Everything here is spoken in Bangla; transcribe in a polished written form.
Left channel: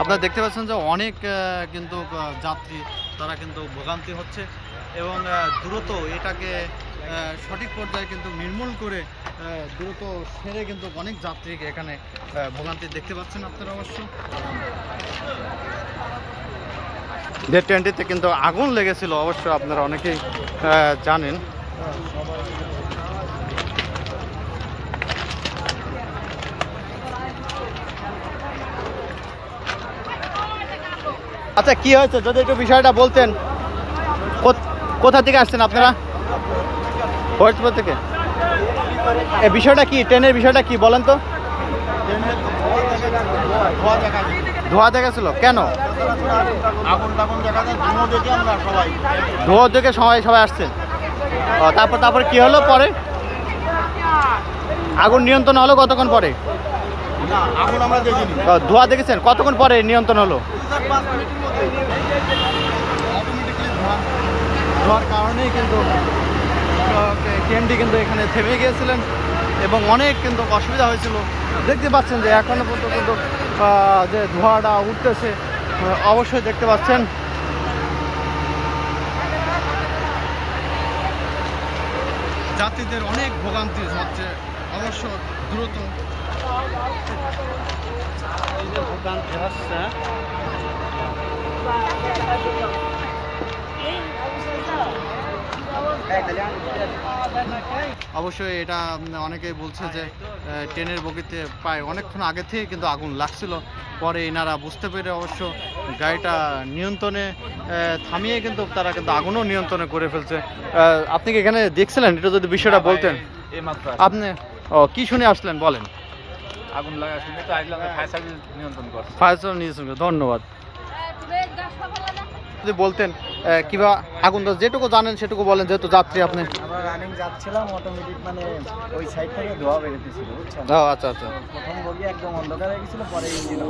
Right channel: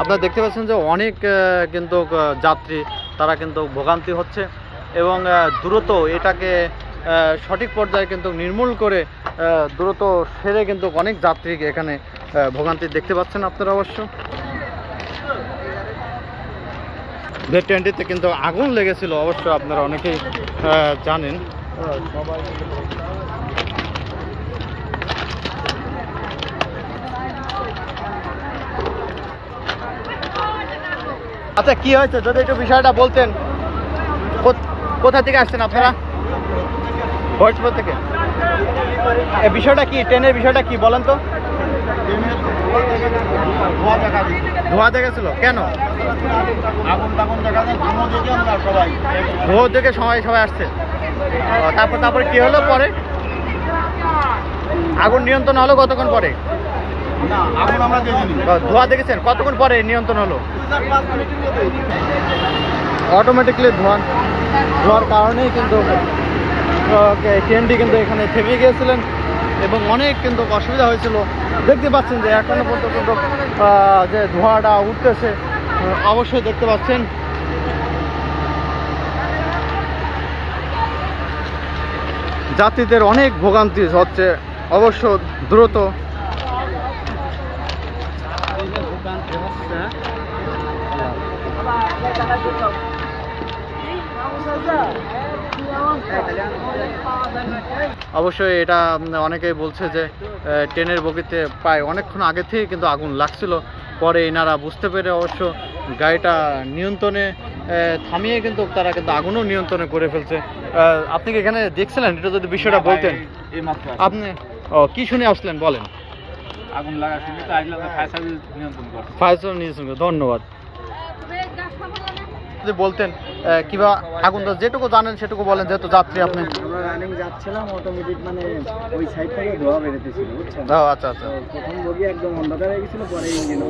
আপনারা দেখতে পাচ্ছেন যে অনেক কিন্তু যাত্রী তারা কিন্তু ভোগান্তি হচ্ছে এবং দ্রুত এটাকে সঠিক পর্যায়ে কিন্তু নির্মূল করে দ্রুত সেরে কিন্তু অনেক যাত্রী এখানে ভোগান্তি দেখতে পাচ্ছেন আপনারা অবশ্য। যে ট্রেনটিতে কিন্তু আগুন লেগেছিল অবশ্য আপনারা অনেকেই জানেন। সবাই আচ্ছা, কি হয়েছে যদি একটু বিষয়টা বলতেন। কোথা থেকে আসছেন আপনারা? ফরিদপুর থেকে। এই বিষয়টা কি, ট্রেনের বিষয়টা কি বলেন তো? ধোঁয়া দেখা ছিল কেন? ধোঁয়া দেখে সবাই আসছে। তারপরে কি হলো পরে? আগুন নিয়ন্ত্রণ হলো কতক্ষণ পরে? না, আগুন আমরা দেখিনি। ধোঁয়া দেখেছেন কতক্ষণ পরে নিয়ন্ত্রণ হলো? 5 মিনিটের মধ্যে। অটোমেটিকলি ধোঁয়ার কারণেই কিন্তু ট্রেনটি কিন্তু এখানে থেমে গিয়েছিলেন এবং অনেক কিন্তু অসুবিধা হয়েছিল। দেখতে পাচ্ছেন যে এখনো পর্যন্ত কিন্তু যে ধোঁয়াটা উঠতেছে, অবশ্যই দেখতে পাচ্ছেন। যাত্রীদের অনেক ভোগান্তি হচ্ছে অবশ্য দ্রুত ভোগান্তি হচ্ছে। অবশ্যই এটা অনেকেই বলছে যে ট্রেনের বগিতে প্রায় অনেকক্ষণ আগে থেকে কিন্তু আগুন লাগছিল, পরে এনারা বুঝতে পেরে অবশ্য গাড়িটা নিয়ন্ত্রণে থামিয়ে কিন্তু তারা কিন্তু আগুনও নিয়ন্ত্রণে করে ফেলছে। আপনি কি এখানে দেখছিলেন? এটা যদি বিষয়টা বলতেন। আপনি কি শুনে আসলেন বলেন? আগুন লাগা শুনে তো আসলে ফায়ার সার্ভিস নিয়ন্ত্রণ করে। ফায়ার সার্ভিস নিয়ন্ত্রণ করে, ধন্যবাদ। যদি বলতেন কিংবা আগুন যেটুকু জানেন সেটুকু বলেন, যেহেতু যাত্রী আপনি। আমরা রানিং যাচ্ছিলাম, অটোমেটিক মানে ওই সাইড থেকে ধোঁয়া বেরোতেছিল, বুঝছেন? আচ্ছা আচ্ছা। প্রথম বগি একদম অন্ধকার হয়ে গেছিল, পরে ইঞ্জিন